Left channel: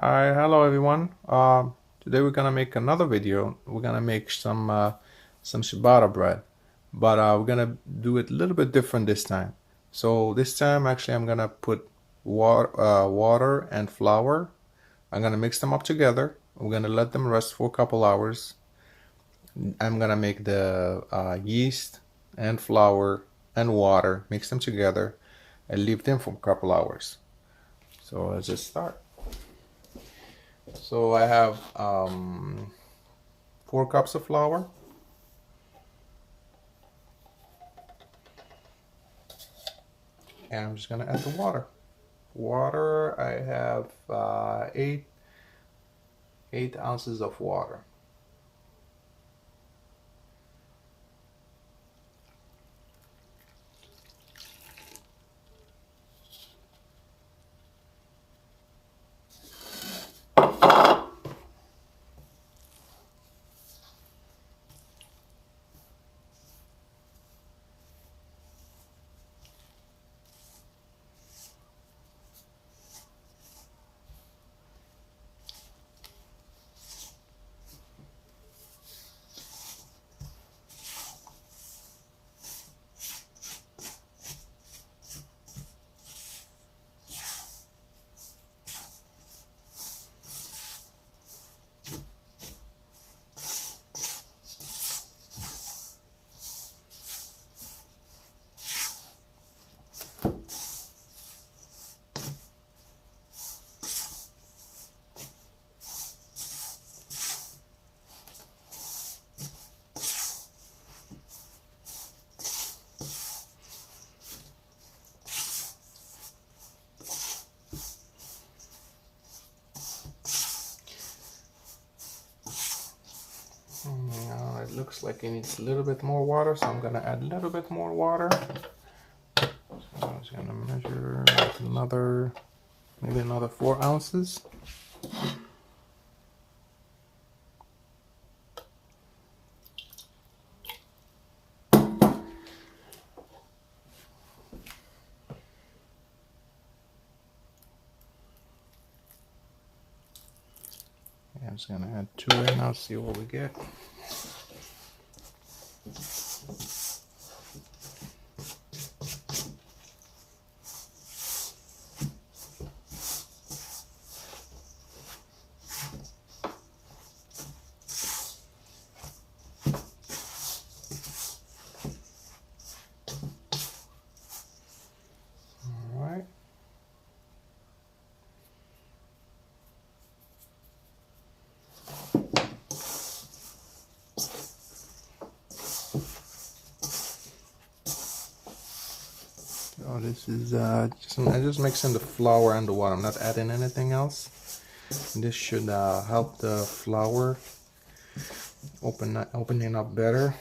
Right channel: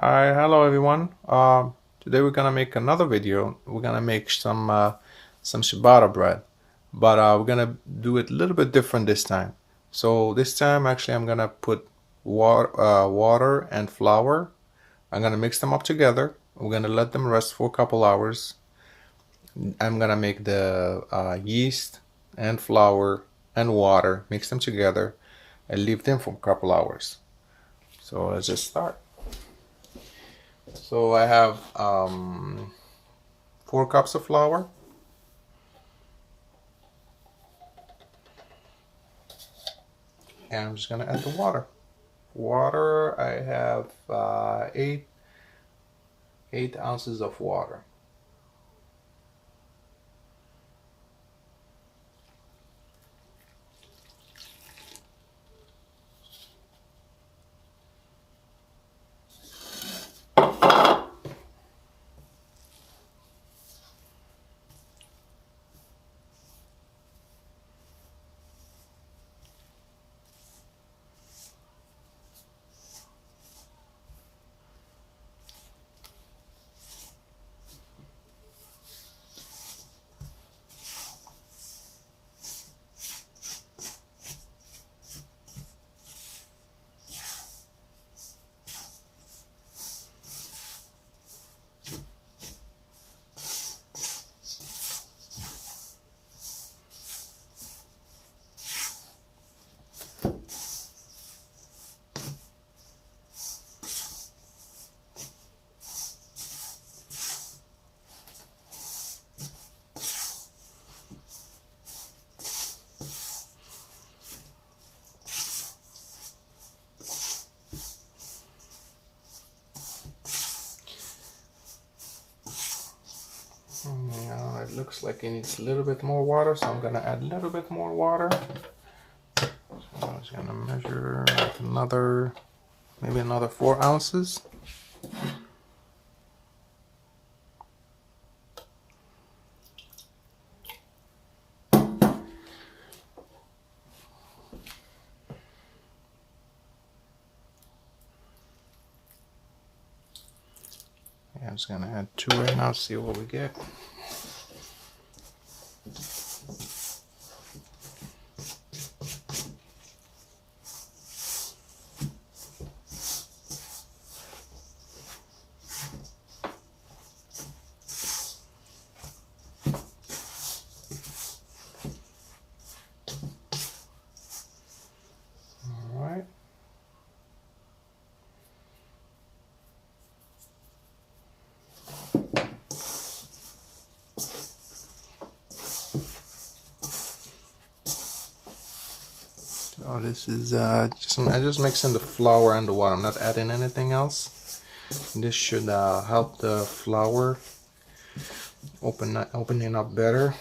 Hi, hello everyone. Today we're gonna make another video. We're gonna make some ciabatta bread, but we're gonna do it a little bit different this time. So this time, actually, I'm gonna put water and flour. I'm gonna mix them up together. We're gonna let them rest for a couple hours. I'm gonna make the yeast and flour and water, mix them together, and leave them for a couple hours. So let's just start. So I have 4 cups of flour, and I'm just gonna add the water. Water, I have 8 ounces of water. Now it looks like it needs a little bit more water, so I'm gonna add a little bit more water. So I'm just gonna measure maybe another 4 ounces. I'm just gonna add 2 right now, see what we get. Oh, this is I just mixing the flour and the water. I'm not adding anything else. This should help the flour opening up better.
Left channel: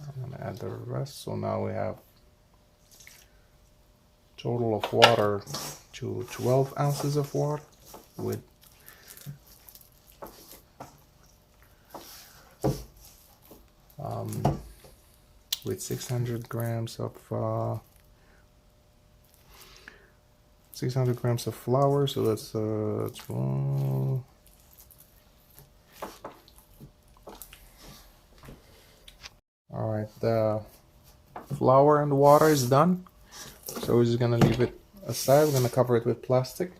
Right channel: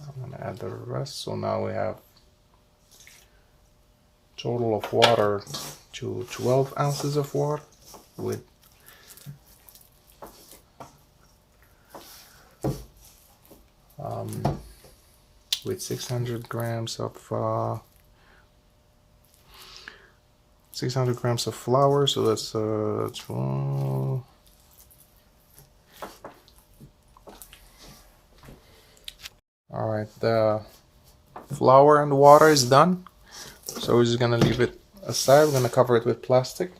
I'm gonna add the rest. So now we have total of water to 12 ounces of water with with 600 grams of 600 grams of flour. So that's 12. All right, the flour and water is done. So we're just gonna leave it aside. We're gonna cover it with plastic,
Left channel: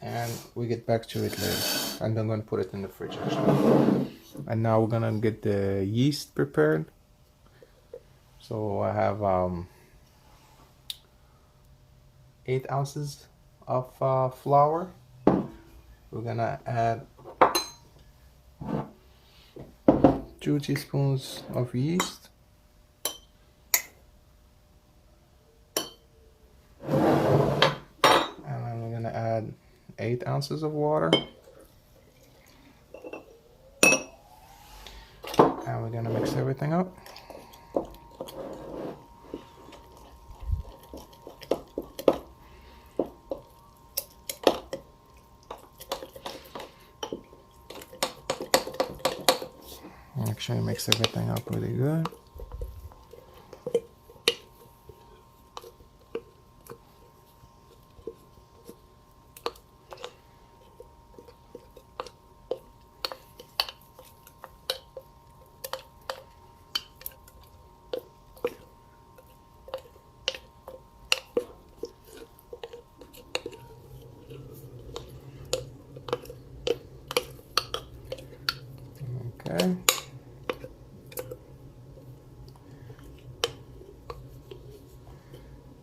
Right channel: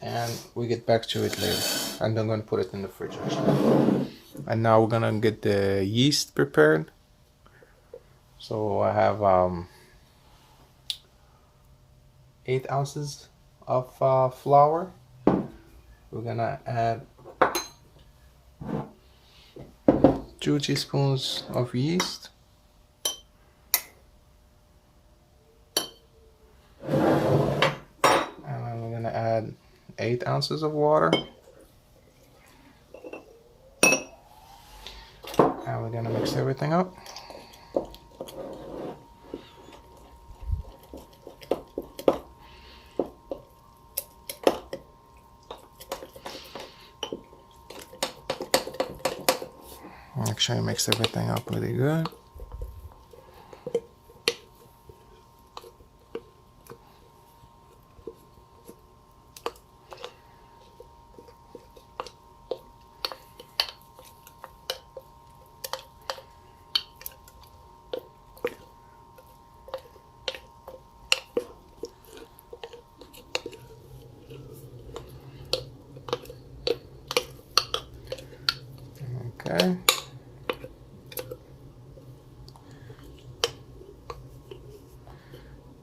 and we get back to it later. And I'm gonna put it in the fridge actually. And now we're gonna get the yeast prepared. So I have 8 ounces of flour. We're gonna add 2 teaspoons of yeast. And then we're gonna add 8 ounces of water. And we're gonna mix everything up. Make sure I mix everything up really good. Okay.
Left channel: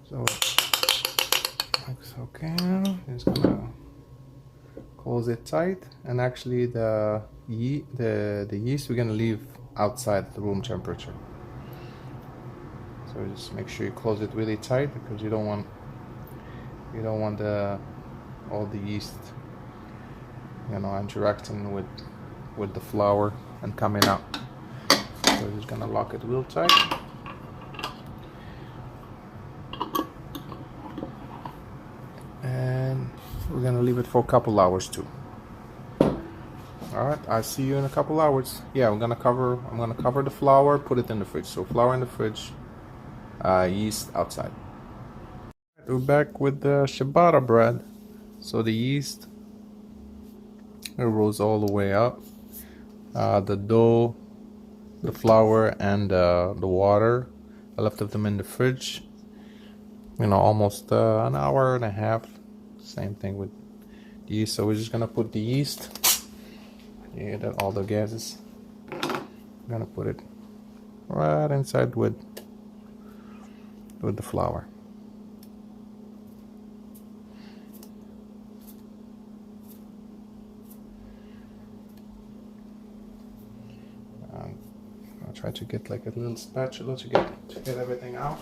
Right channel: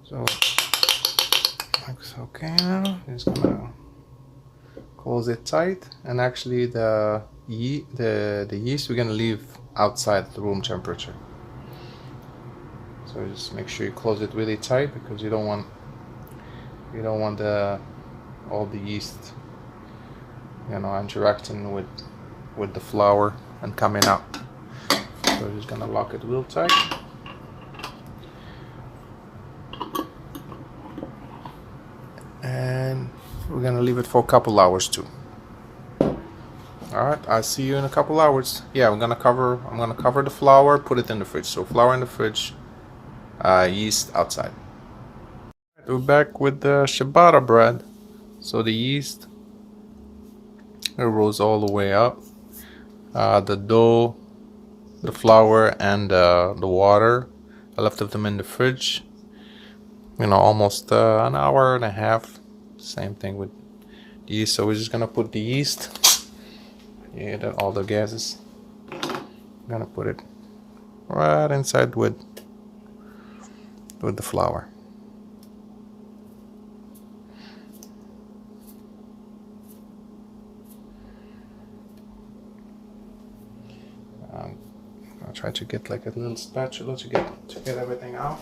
So looks okay now. Just gonna close it tight, and actually the yeast we're gonna leave outside the room temperature. So just make sure you close it really tight, because you don't want all the yeast, you know, interacting with the flour and coming out. So we're just gonna lock it real tight. And we're gonna leave it for a couple hours too. Alright, I'll see you in a couple hours. Yeah, I'm gonna cover the flour, put it in the fridge. So flour in the fridge, yeast outside. We're back with the ciabatta bread. So the yeast, it rose all the way up. The dough, the flour, and the water, I left them in the fridge, you know, almost an hour and a half. Same thing with yeast. So we're just gonna put the yeast, yeah, then all the gases, I'm gonna put it right inside with the flour. I'll try to get like a little spatula to get everything out.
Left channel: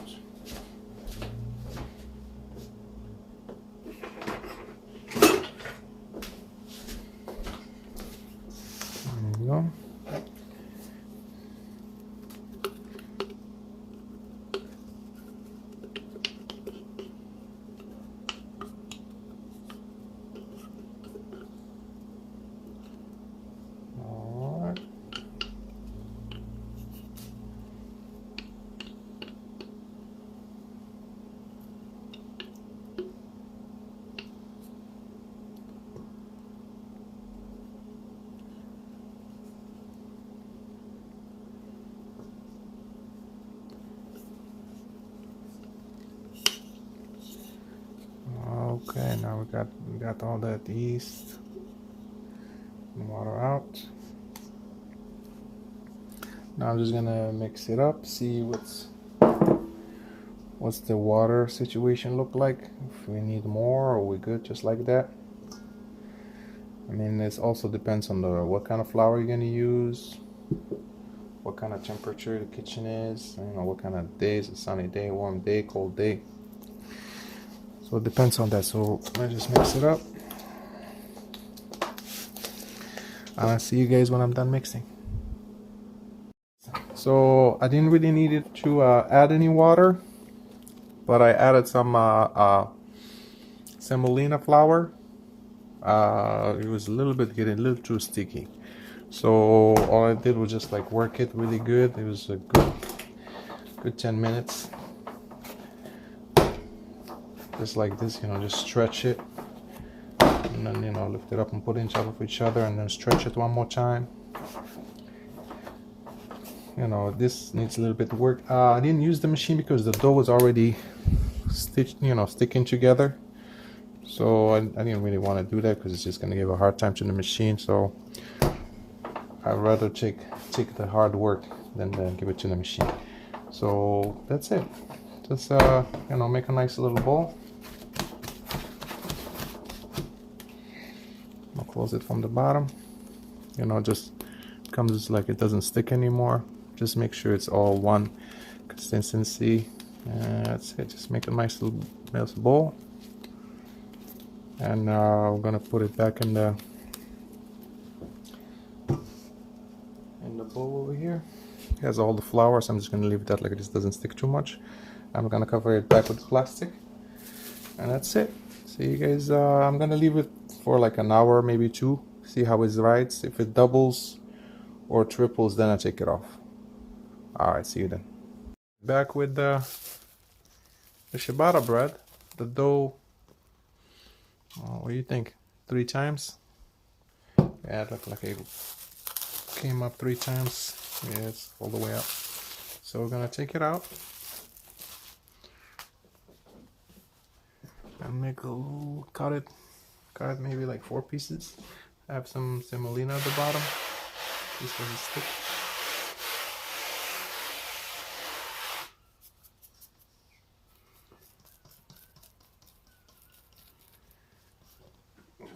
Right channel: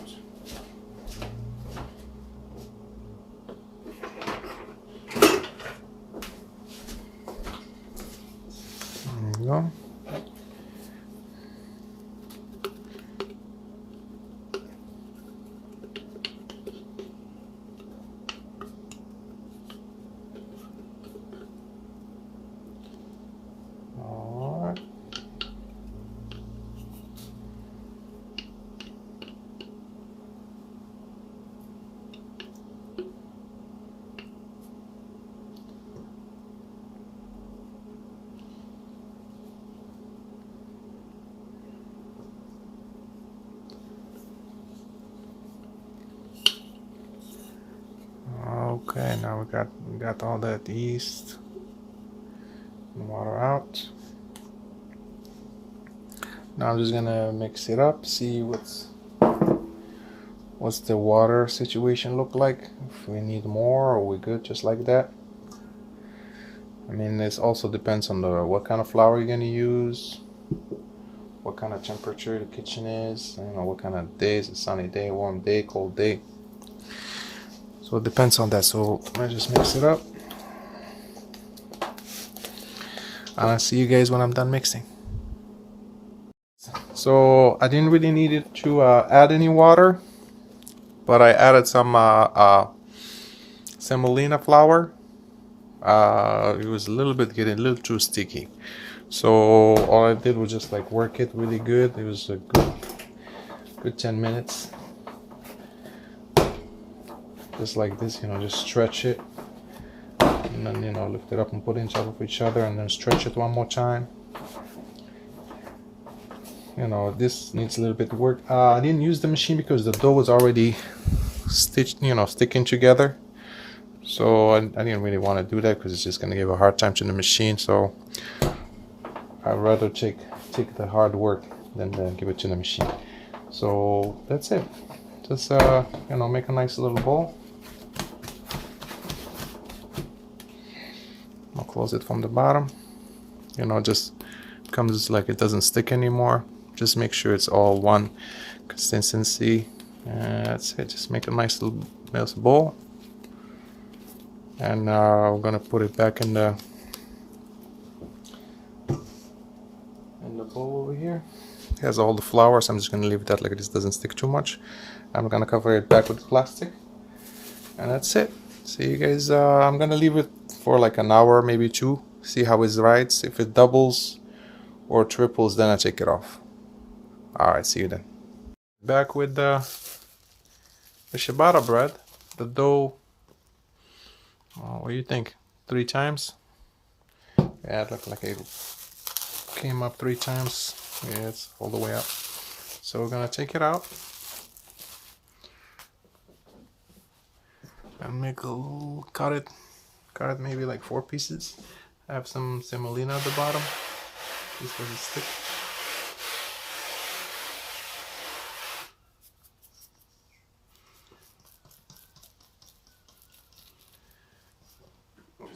There you go. Okay, now we got all that yeast and water out. Now I'm just gonna mix it up, see what's the water situation look like, if we need more or we're good just like that. I mean, this also depends on what kind of flour you're gonna use, what kind of temperature the kitchen is, you know, what kind of days, a sunny day, warm day, cold day. So it depends on that. So I just mix it up. I'll see you guys when I'm done mixing. So I didn't really need it to add any water, but I added some semolina flour. It was getting a little too sticky. So all I did was just like work it really good. It was a good 10 minutes. Just like this, you know, just stretch it. And then, you know, lift it up and put it on top of each other, and then stretch it one more time. You know, this needs a little bit of work. I didn't use the machine because the dough was already stitched, you know, sticking together. So I didn't really want to do that because it's just going to give a hard time to the machine. So I'd rather take the hard work than give it to the machine. So that's it. Just you know, make a nice little bowl. I'll close it from the bottom. You know, just comes like it doesn't stick anymore. Just make sure it's all one consistency. That's it. Just make a nice little bowl. And now I'm gonna put it back in the bowl over here. It has all the flour, so I'm just gonna leave that like this, doesn't stick too much. I'm gonna cover it back with plastic, and that's it. See you guys. I'm gonna leave it for like an hour, maybe two. See how it rides. If it doubles or triples, then I take it off. Alright, see you then. Back with the ciabatta bread. The dough, what do you think? 3 times? Yeah, it looked like it came up 3 times. Yeah, it's all the way up. So we're gonna take it out and make a little, cut it maybe like 4 pieces. I have some semolina at the bottom. This doesn't stick.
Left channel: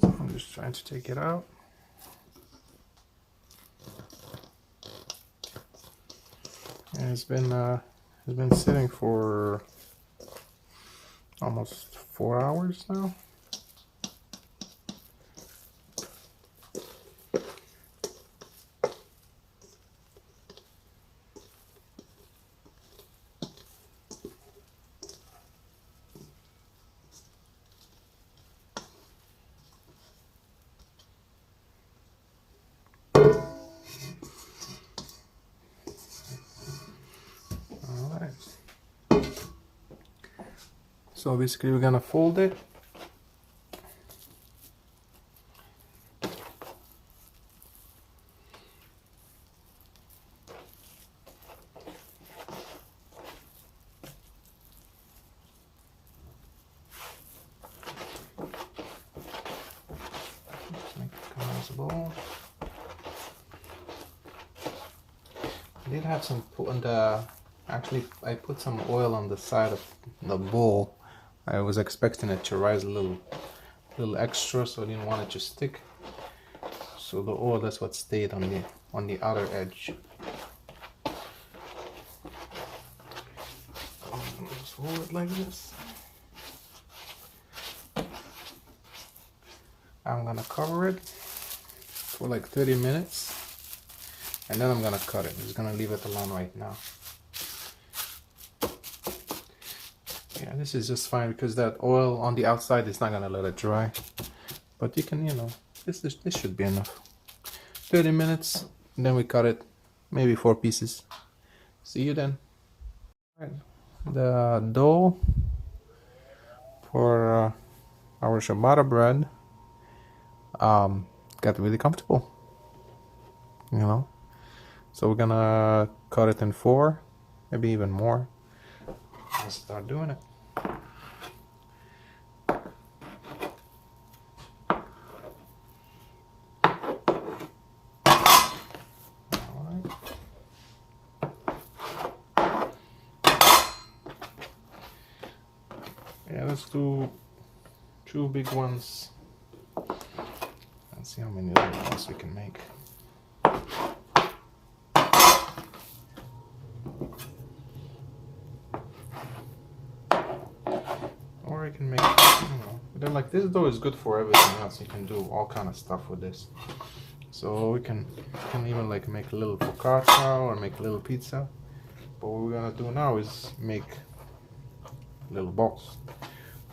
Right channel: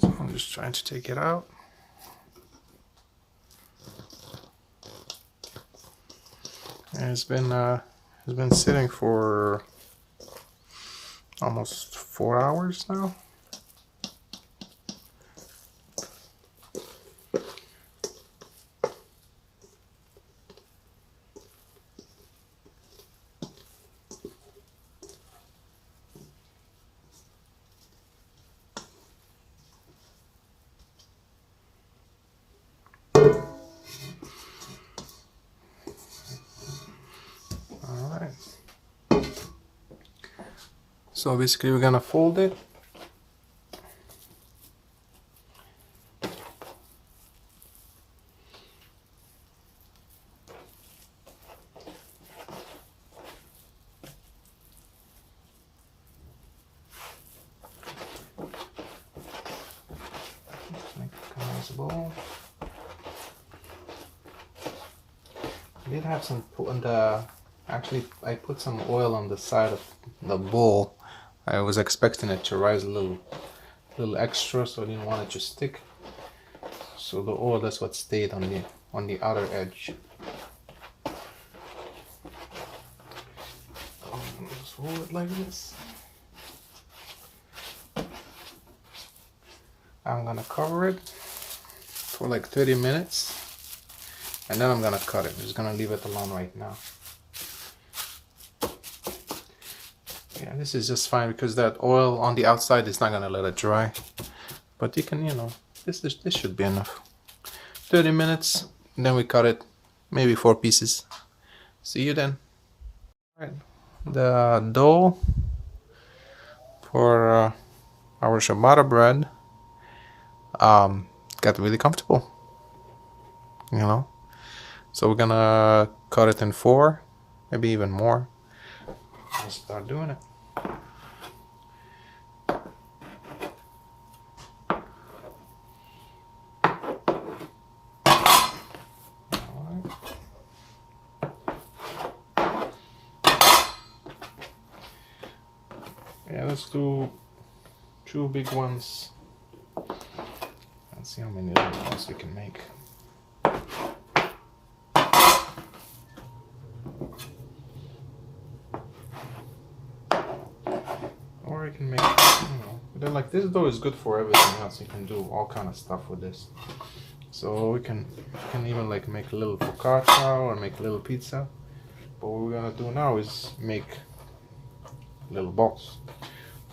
So I'm just trying to take it out. And it's been sitting for almost 4 hours now. So basically we're gonna fold it. Just make it come as a ball. I did have some on the, actually I put some oil on the side of the bowl. I was expecting it to rise a little extra, so I didn't want it to stick. So the oil, that's what stayed on the outer edge. Just hold it like this. I'm gonna cover it for like 30 minutes, and then I'm gonna cut it. I'm just gonna leave it alone right now. Yeah, this is just fine because that oil on the outside is not gonna let it dry. But you can, this should be enough. 30 minutes, and then we cut it, maybe 4 pieces. See you then. All right. The dough for our ciabatta bread got really comfortable, So we're gonna cut it in 4, maybe even more. Let's start doing it. Yeah, let's do 2 big ones. Let's see how many little ones we can make. Or you can make, but then like this dough is good for everything else. You can do all kind of stuff with this. So we can even like make a little focaccia or make a little pizza. But what we're gonna do now is make little balls.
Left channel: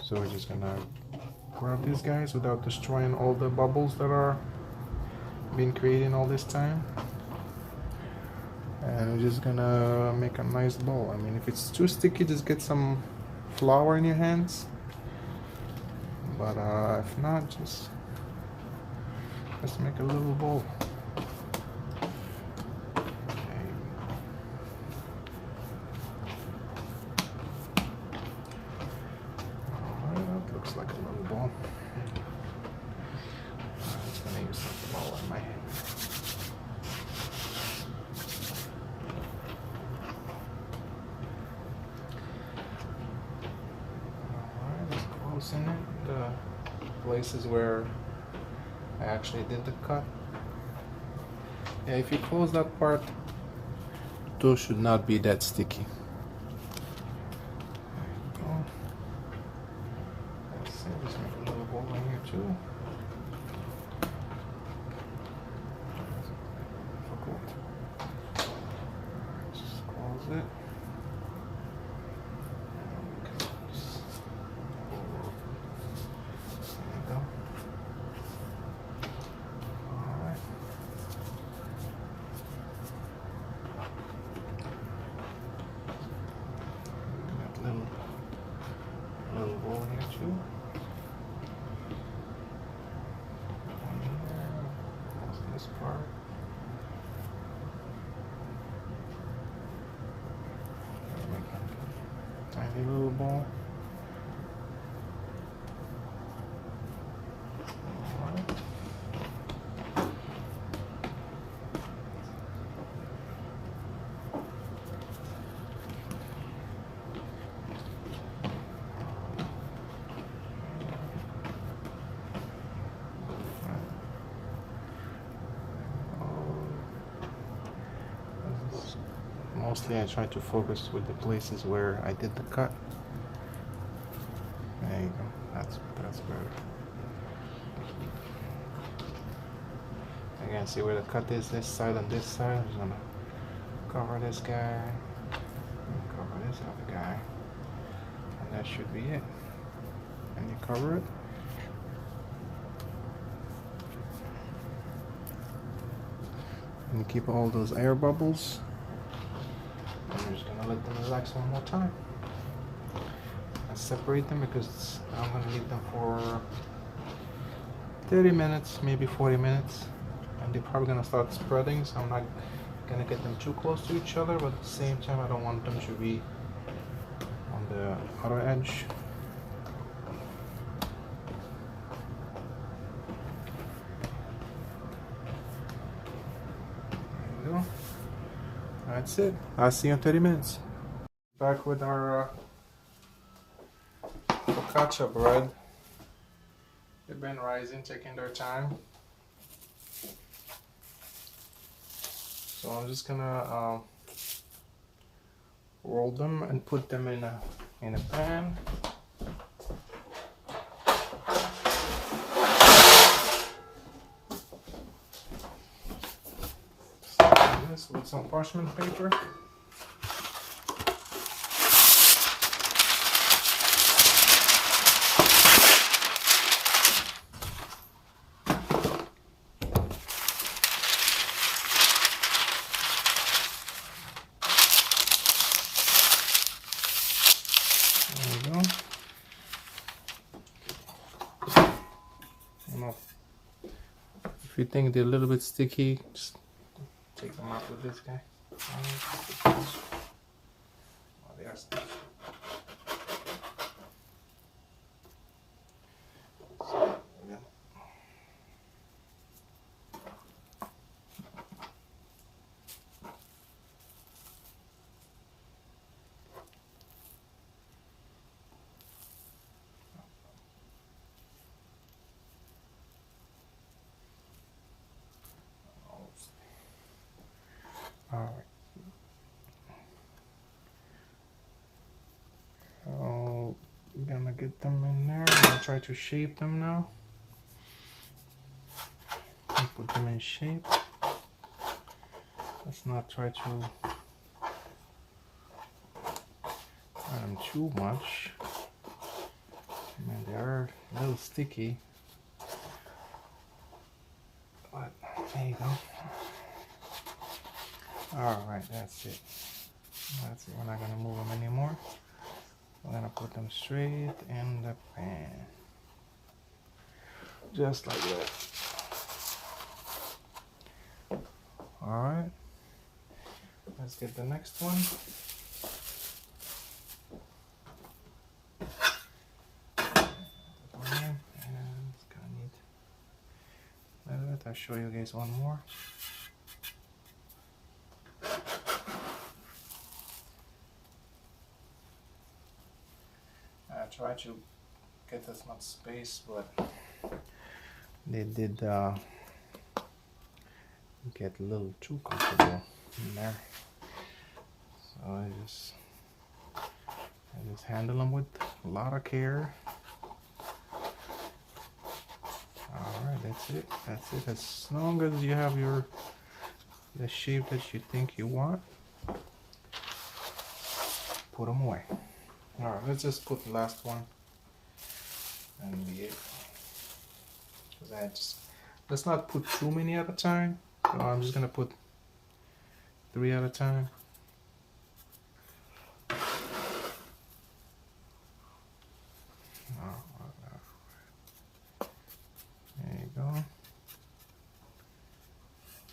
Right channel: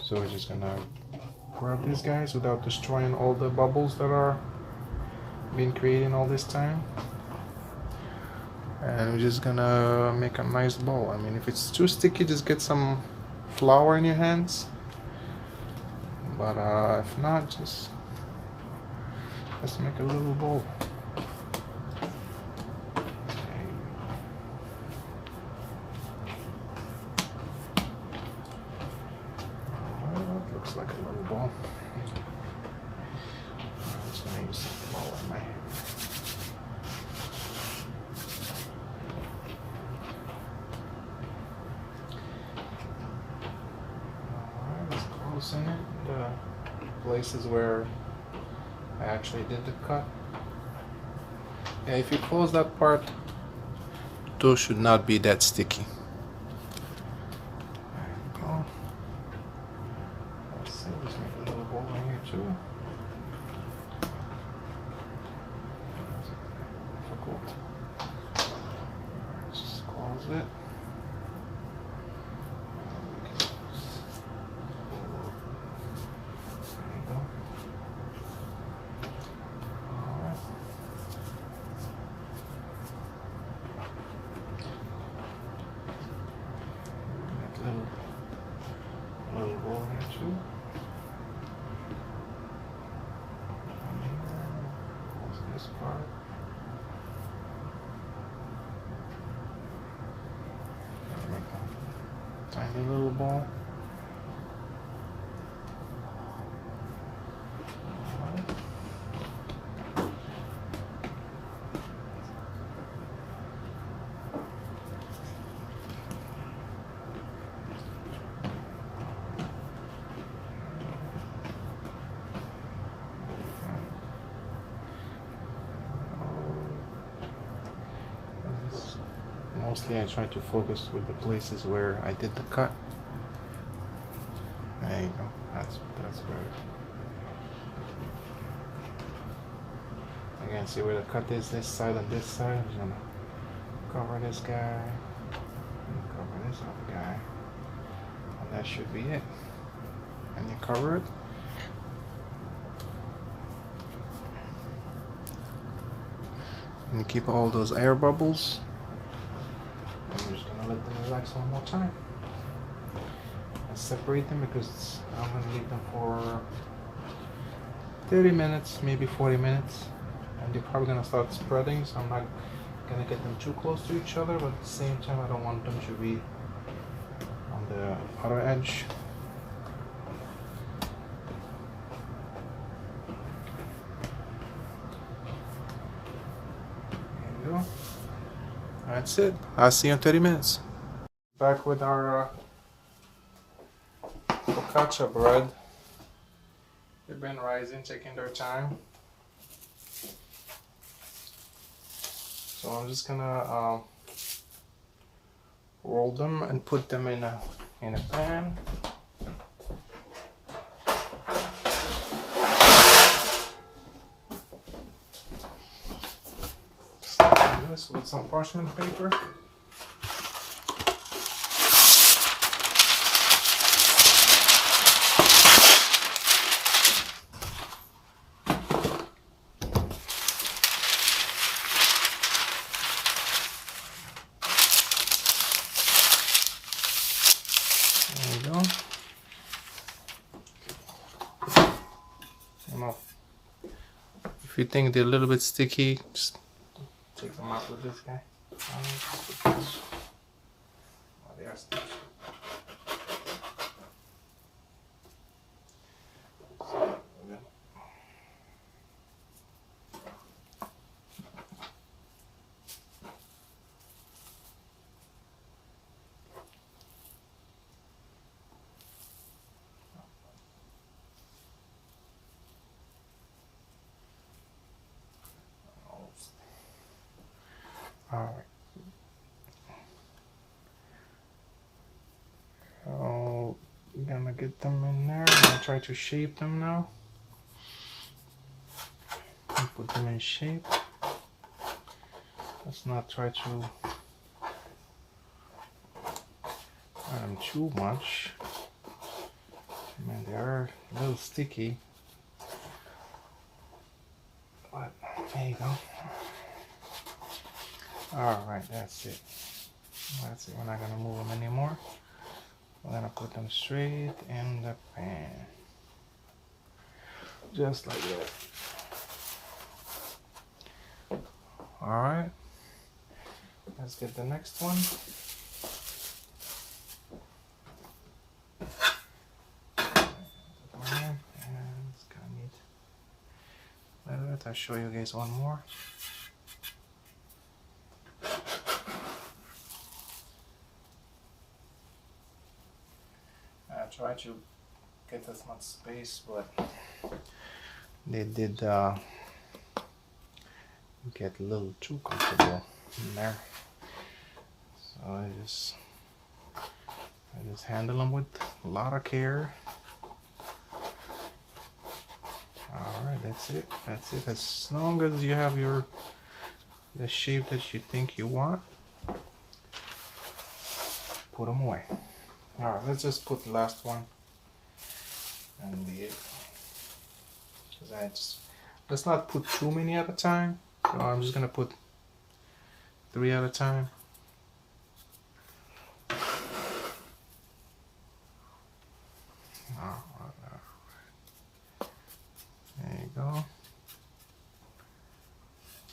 So we're just gonna grab these guys without destroying all the bubbles that are been creating all this time. And I'm just gonna make a nice ball. I mean, if it's too sticky, just get some flour in your hands. But if not, just let's make a little ball. Looks like a little ball. I'm just gonna use some flour in my hand. Alright, just closing it. The places where I actually did the cut. Yeah, if you close that part, dough should not be that sticky. Just make a little hole in here too. Difficult. Just close it. There you go. Alright. a little ball. Mostly I try to focus with the places where I did the cut. There you go. That's better. Again, see where the cut is, this side and this side. I'm just gonna cover this guy, and cover this other guy, and that should be it. And you cover it. And you keep all those air bubbles. And you're just gonna let them relax one more time. And separate them because I'm gonna leave them for 30 minutes, maybe 40 minutes. And they're probably gonna start spreading, so I'm not gonna get them too close to each other, but at the same time I don't want them to be on the other edge. There you go. That's it. I'll see you in 30 minutes. Back with our focaccia bread. They've been rising, taking their time. So I'm just gonna roll them and put them in a pan. Like this with some parchment paper. If you think they're a little bit sticky, just take them out with this guy. Oh, they are sticky. Alright. So I'm gonna get them in there. I'm gonna try to shape them now. And put them in shape. Let's not try to add them too much. I mean, they are a little sticky. But there you go. Alright, that's it. That's it. We're not gonna move them anymore. We're gonna put them straight in the pan. Just like that. Alright. Let's get the next one. And it's gonna need a little bit. I'll show you guys one more. I try to get as much space, but they did get a little too comfortable in there. So I just handle them with a lot of care. Alright, that's it. That's it. As long as you have the shape that you think you want, put them away. Alright, let's just put the last one and be it. Let's not put too many at a time. So I'm just gonna put 3 at a time. There you go.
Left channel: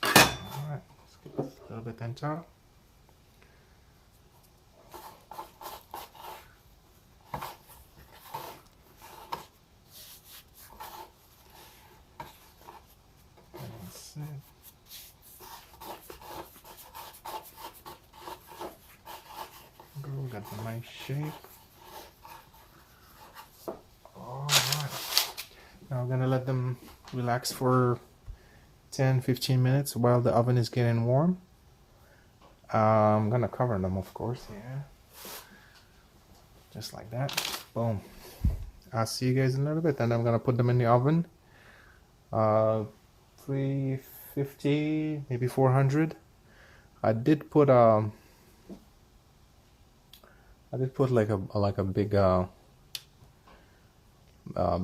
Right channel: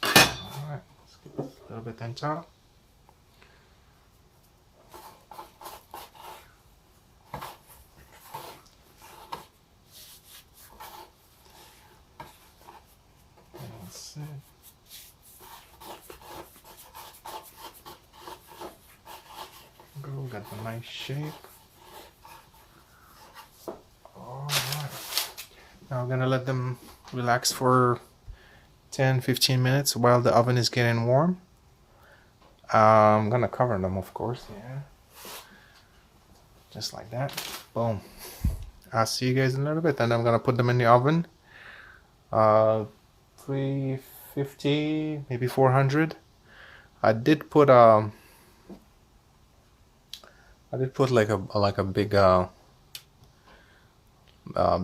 Alright, let's get a little bit on top. That's it. We got a nice shape. Alright. Now we're gonna let them relax for 10-15 minutes while the oven is getting warm. I'm gonna cover them, of course. Yeah. Just like that. Boom. I'll see you guys in a little bit, and I'm gonna put them in the oven. 350, maybe 400. I did put like a big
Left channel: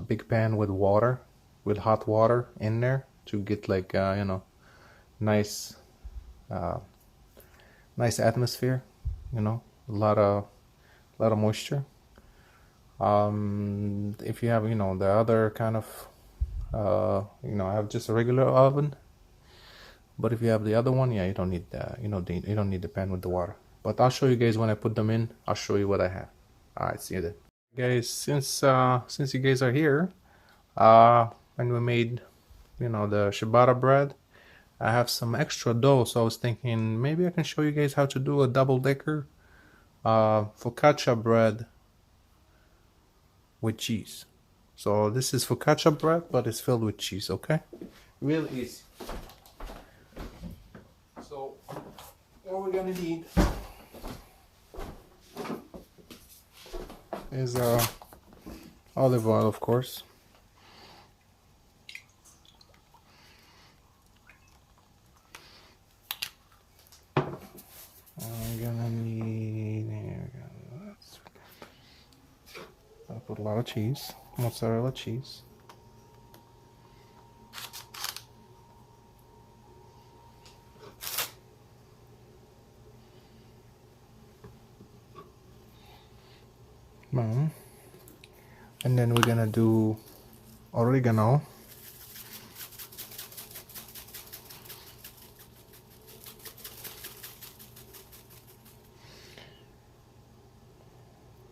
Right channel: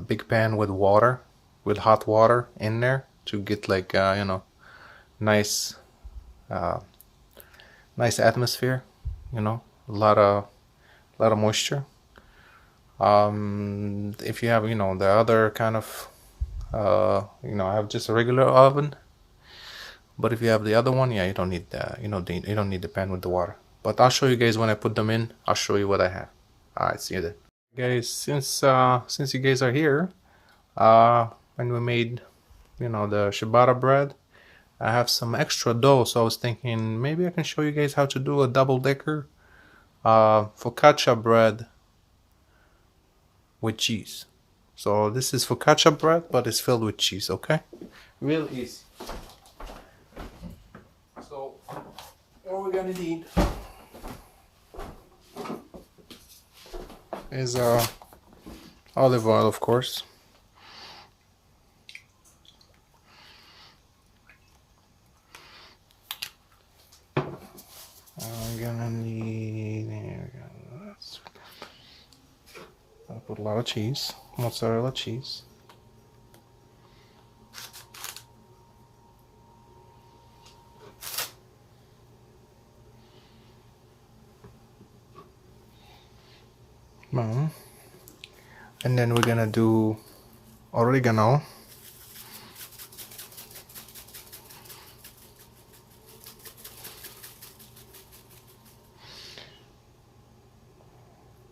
big pan with water, with hot water in there to get like you know, nice nice atmosphere, you know, a lot of moisture. If you have, you know, the other kind of you know, I have just a regular oven, but if you have the other one, yeah, you don't need the, you know, you don't need the pan with the water. But I'll show you guys when I put them in. I'll show you what I have. All right, see you then, guys. Since you guys are here, when we made, you know, the ciabatta bread, I have some extra dough, so I was thinking maybe I can show you guys how to do a double-decker focaccia bread with cheese. So this is focaccia bread, but it's filled with cheese. Okay, real easy. So what we're gonna need is olive oil, of course. I'm gonna need, I'll put a lot of cheese, mozzarella cheese. Boom. And then we're gonna do oregano.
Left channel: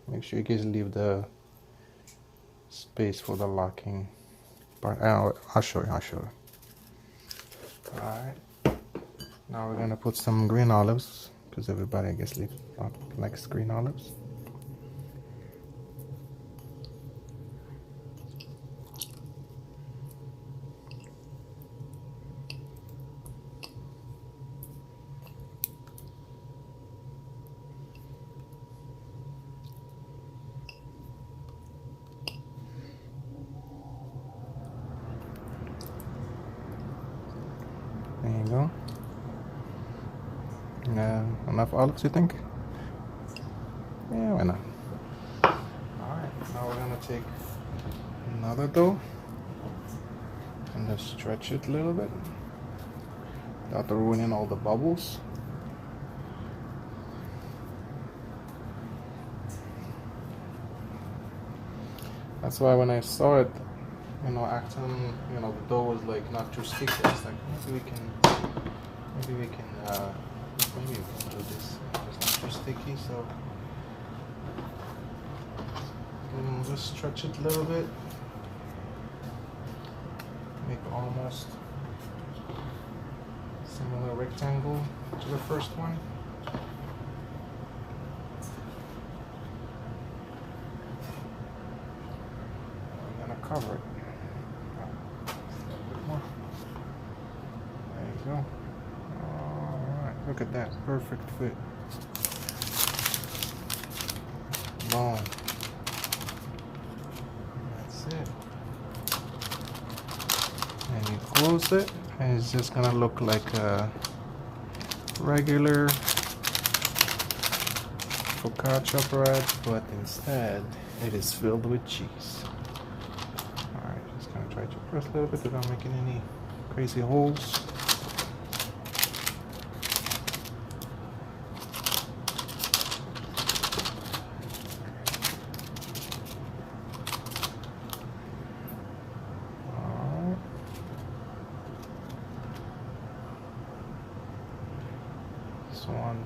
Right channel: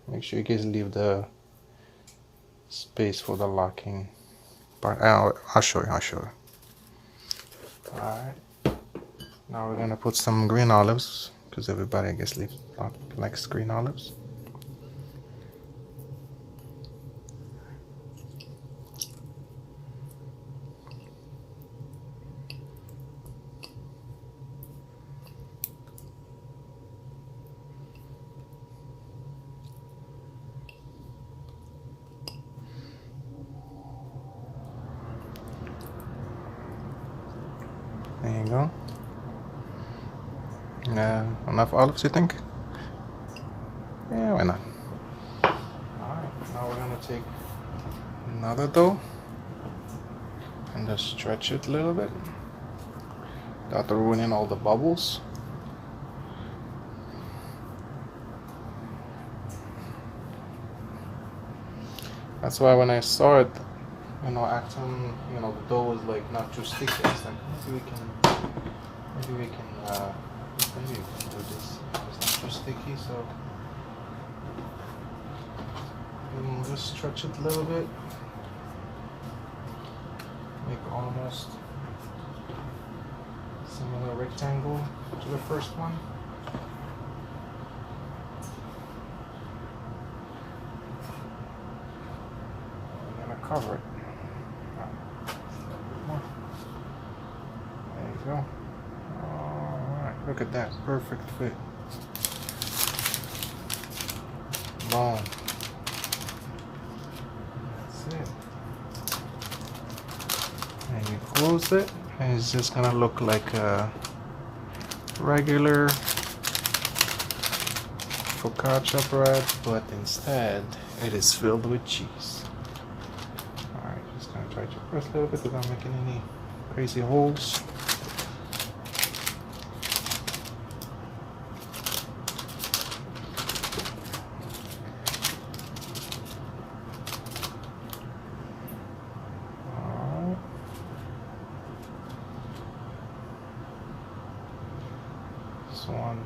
Make sure you guys leave the space for the locking part. I'll show you. Alright. Now we're gonna put some green olives, because everybody, I guess, likes green olives. There you go. Enough olives, you think? Yeah, why not? Alright, now we're gonna take another dough and just stretch it a little bit without ruining all the bubbles. That's why when I saw it, you know, acting, you know, the dough was like not too sticky. It's like maybe we can do this. It's not too sticky, so just stretch it a little bit. Make almost similar rectangle to the first one. I'm gonna cover it. There you go. Alright, look at that. Perfect fit. Boom. That's it. And you close it, and it's just gonna look like a regular focaccia bread, but instead it is filled with cheese. Alright, just gonna try to press a little bit without making any crazy holes. One.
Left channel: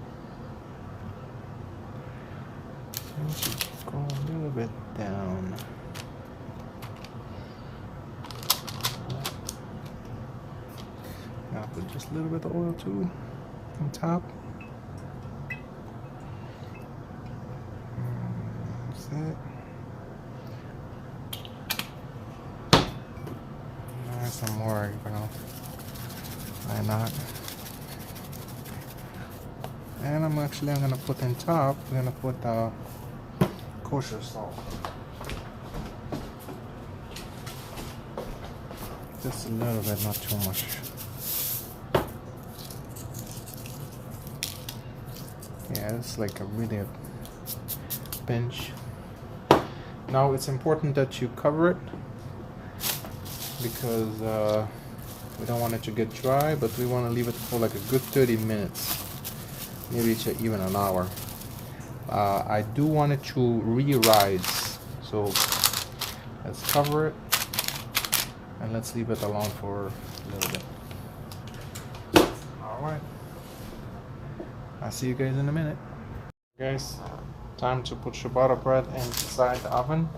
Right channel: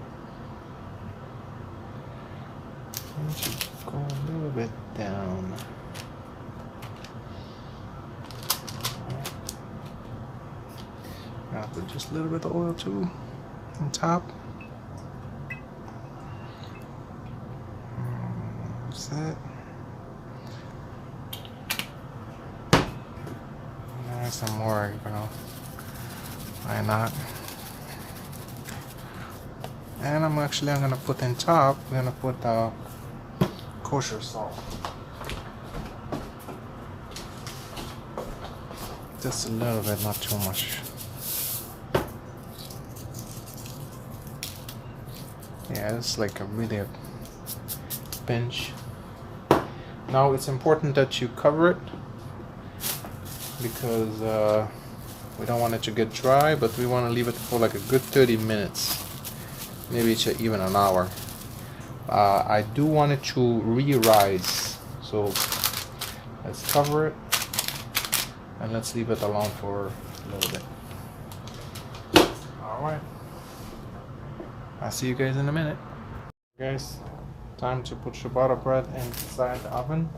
Seems to go a little bit down. Put just a little bit of oil too on top. That's it. Some more, you know. Why not? And I'm gonna put in top. I'm gonna put kosher salt. Just a little bit, not too much. Yeah, it's like a really pinch. Now it's important that you cover it because we don't want it to get dry, but we want to leave it for like a good 30 minutes, maybe it's even an hour. I do want it to re-rise, so let's cover it and let's leave it alone for a little bit. Alright, I'll see you guys in a minute. Guys, time to put ciabatta bread inside the oven.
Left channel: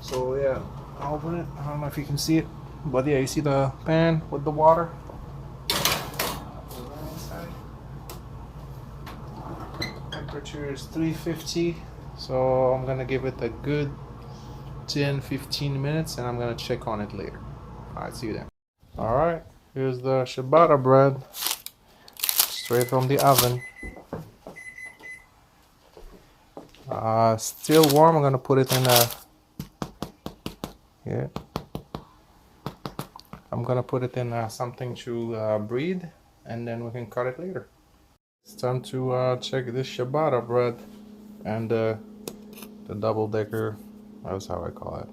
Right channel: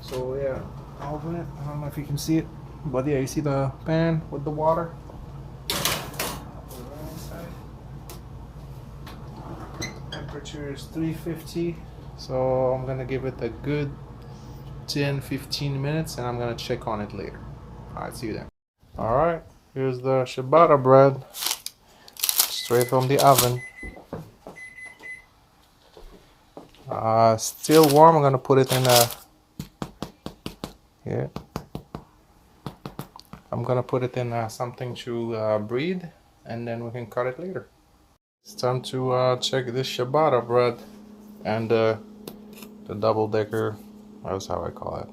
So yeah, I'll open it. I don't know if you can see it, but yeah, you see the pan with the water. Temperature is 350, so I'm gonna give it a good 10-15 minutes and I'm gonna check on it later. Alright, see you then. Alright, here's the ciabatta bread straight from the oven. Still warm. I'm gonna put it in a I'm gonna put it in something to breathe, and then we can cut it later. It's time to check this ciabatta bread and the double decker. That's how I call it.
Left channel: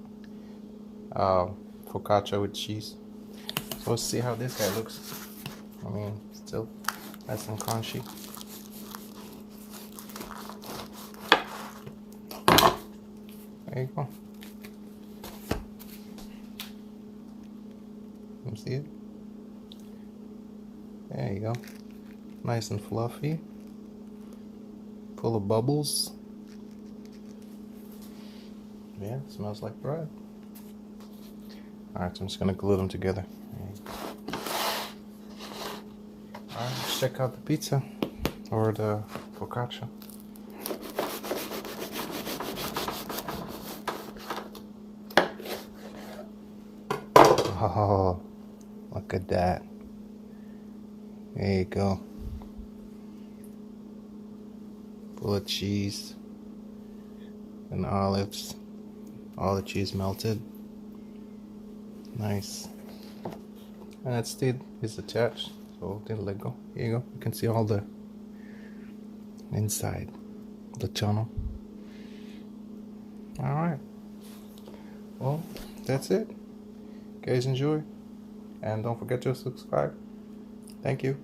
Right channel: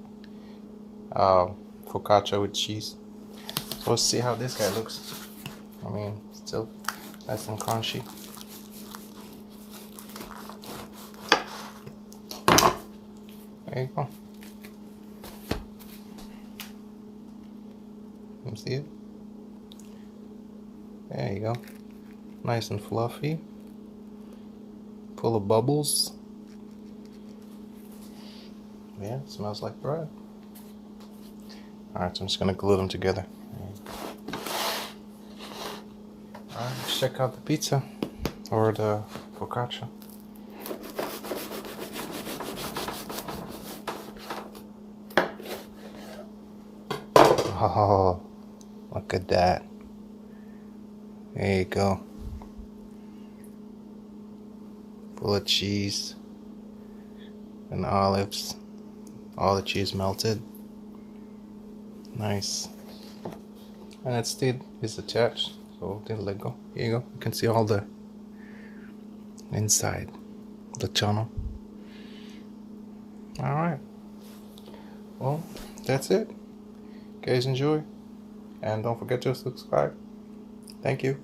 Focaccia with cheese. So let's see how this guy looks. I mean, still nice and crunchy. There you go. You see it? There you go. Nice and fluffy. Full of bubbles. Yeah, it smells like bread. Alright, so I'm just gonna glue them together. Alright, let's check out the pizza or the focaccia. Oh, look at that. There you go. Full of cheese and olives. All the cheese melted. Nice. And it still is attached, so didn't let go. Here you go. You can see all the inside, the channel. Alright. Well, that's it. Guys, enjoy. And don't forget to subscribe. Thank you.